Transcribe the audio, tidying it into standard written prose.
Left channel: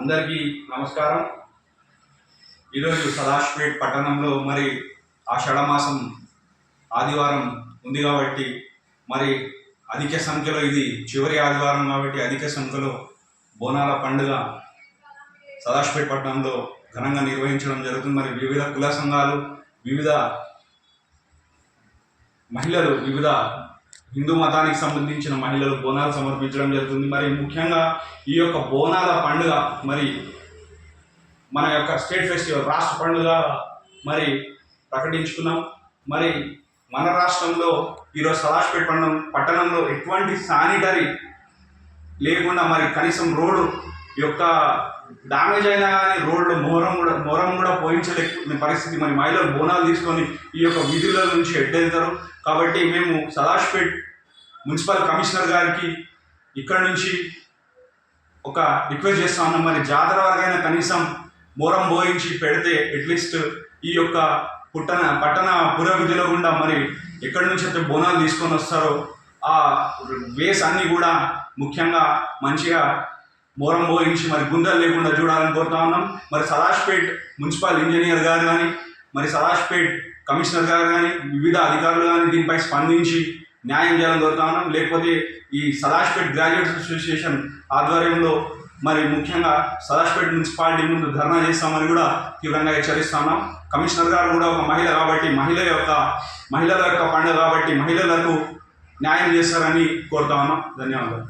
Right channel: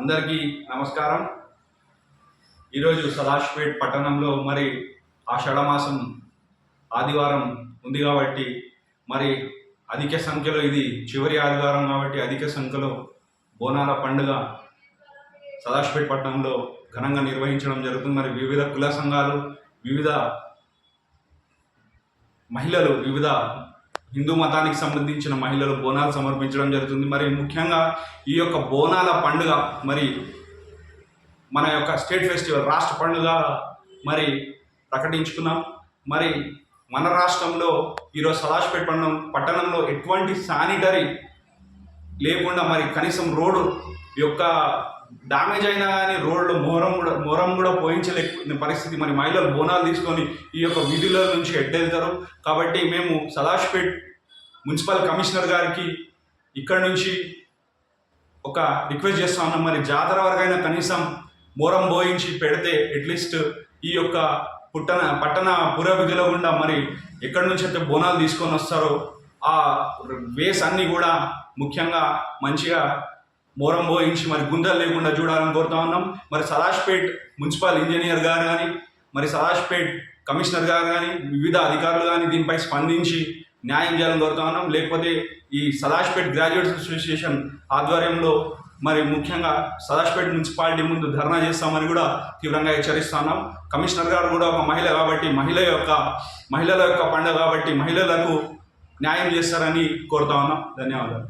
అందరికీ నమస్కారం. ఈరోజు సదాశివపేట్ పట్టణంలో మరి ఆషాఢమాసం ఆదివారం ఉంది కాబట్టి మరి అధిక సంఖ్యలో ఇది చివరి ఆదివారం కాబట్టి అధిక సంఖ్యలో బోనాల పండుగ సదాశివపేట్ పట్టణంలో ఘనంగా నిర్వహించడం జరుగుతుంది. మరి వివిధ కుల సంఘాలు, వివిధ మహిళలు, వివిధ హిందూ మతానికి సంబంధించిన మహిళలు బోనాలు సమర్పించడం జరుగుతుంది. మరి ముఖ్యంగా ఈ యొక్క బోనాల పండుగ మరి మన యొక్క స్టేట్ ఫెస్టివల్, రాష్ట్ర పండుగ మరి ప్రకటించుకున్నాం. మరి మన రాష్ట్రంలో ఈరోజు సదాశివపేట్ పట్టణంలో ఎటువంటి శానిటరీ లేకుండా మరి కనీసం రోడ్డు యొక్క డ్యామేజ్ అయినా కానీ రోడ్లు మొరం కూడా పోయించలేని పరిస్థితి. మరి మహిళలు బోనాలు తీసుకొని ఈ యొక్క విధుల నుంచి ఎట్టెళ్తారు. కాబట్టి మేము సదాశివపేట్ మున్సిపల్ కమిషనర్ గారికి ఇక్కడ నుంచి ఒక రిక్వెస్ట్ చేస్తా ఉన్నాం. మరి జాతర వరకైనా కనీసం మొరం పోయించి పెడితే అట్లీస్ట్ ఈ యొక్క పట్టణ పుర విధిలో గుండా మరి ఎక్కడి నుంచి అయితే బోనాలు తీసుకొని వస్తారో ఆ వేస్ అన్నీ కూడా ముఖ్యంగా మంచిగా మొరం పోయించి మరి గుంజలు లేకుండా చూడాలని కోరుతా ఉన్నాం. మరి సదాశివపేట్ మున్సిపల్ ఇంజనీర్ గారు కానీ, మరి సదాశివపేట్ కమిషనర్ గారు కానీ, వివిధ అధికారులు కానీ దీనిపై స్పందించి న్యాయం చేయాలని కోరుతా ఉన్నాం. లేకపోతే ఈ సదాశివపేట్ గ్రాడ్యుయేట్స్ అసోసియేషన్ ఆధ్వర్యంలో మరి ముఖ్యంగా సదాశివపేట్ మున్సిపాలిటీ ముందు ధర్నా చేస్తామని కూడా తీవ్రంగా హెచ్చరిస్తున్నాం. కమిషనర్ గారు కూడా ఒక మహిళ కాబట్టి మహిళల యొక్క పండుగ కాబట్టి మహిళలకు న్యాయం చేస్తారని కోరుతా ఉన్నాం. ధన్యవాదాలు.